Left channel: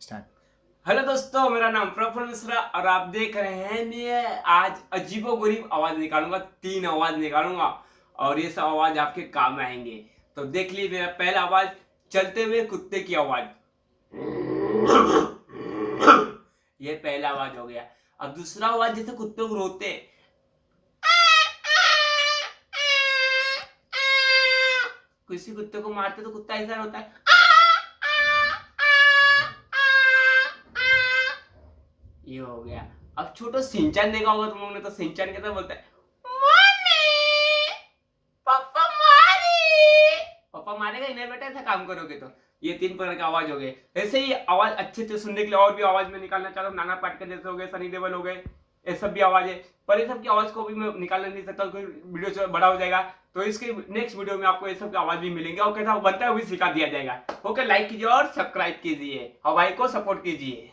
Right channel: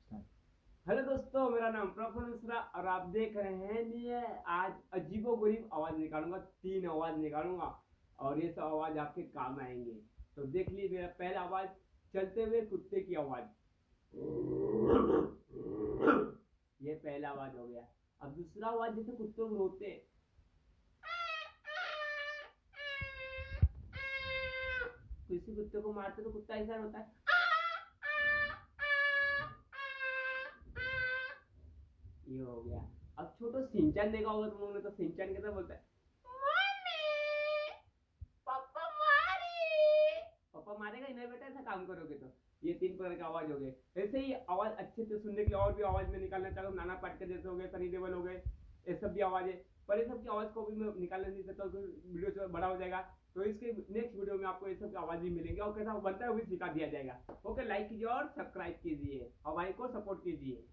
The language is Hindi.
स्टार्ट। हेलो दोस्तों, मेरा नाम प्रफुल्ल मिश्रा और आप देख रहे हैं। मैं आज अजीबोगरीब आवाज निकालूंगा, 3 आवाज निकालूंगा और ये सब आवाज आपके काम में आएंगे। तो देख लीजिए, मेरा पहला आवाज चलते हुए कुत्ते की आवाज। ये पहला आवाज हो गया। अब दूसरा आवाज जैसे कुत्ते को रोते हैं। किसी कुत्ते को मारते तो कुत्ता ऐसा होता है। ये हो गया। अब छोटो सिंचन देखा होगा तुम लोगों ने, तो सिंचन कैसे बोलता है, मम्मी पापा मारे। पापा मारेगा ही नहीं बेटा, ऐसा काम करोगे तो। ये 3 प्रकार के आवाज हो गए। ऐसे ही आवाज अच्छे से सुनने के लिए और भी आवाज में निकालना चाहता हूँ। नाना पाटेकर जैसे हो गए, सनी देओल हो गए, ये सब भी आवाज है। पर ये सब की आवाज को भी मैं निकालना नहीं सकता, वीडियो से बड़ा हो जाएगा। तो इसके नेक्स्ट वीडियो में आपको ये सब की आवाज भी मिलेंगे और कैसा बनता है वो भी सिखा दिया जाएगा। ओके, लाइक कीजिए और सब्सक्राइब कीजिए और भाई को सपोर्ट कीजिए।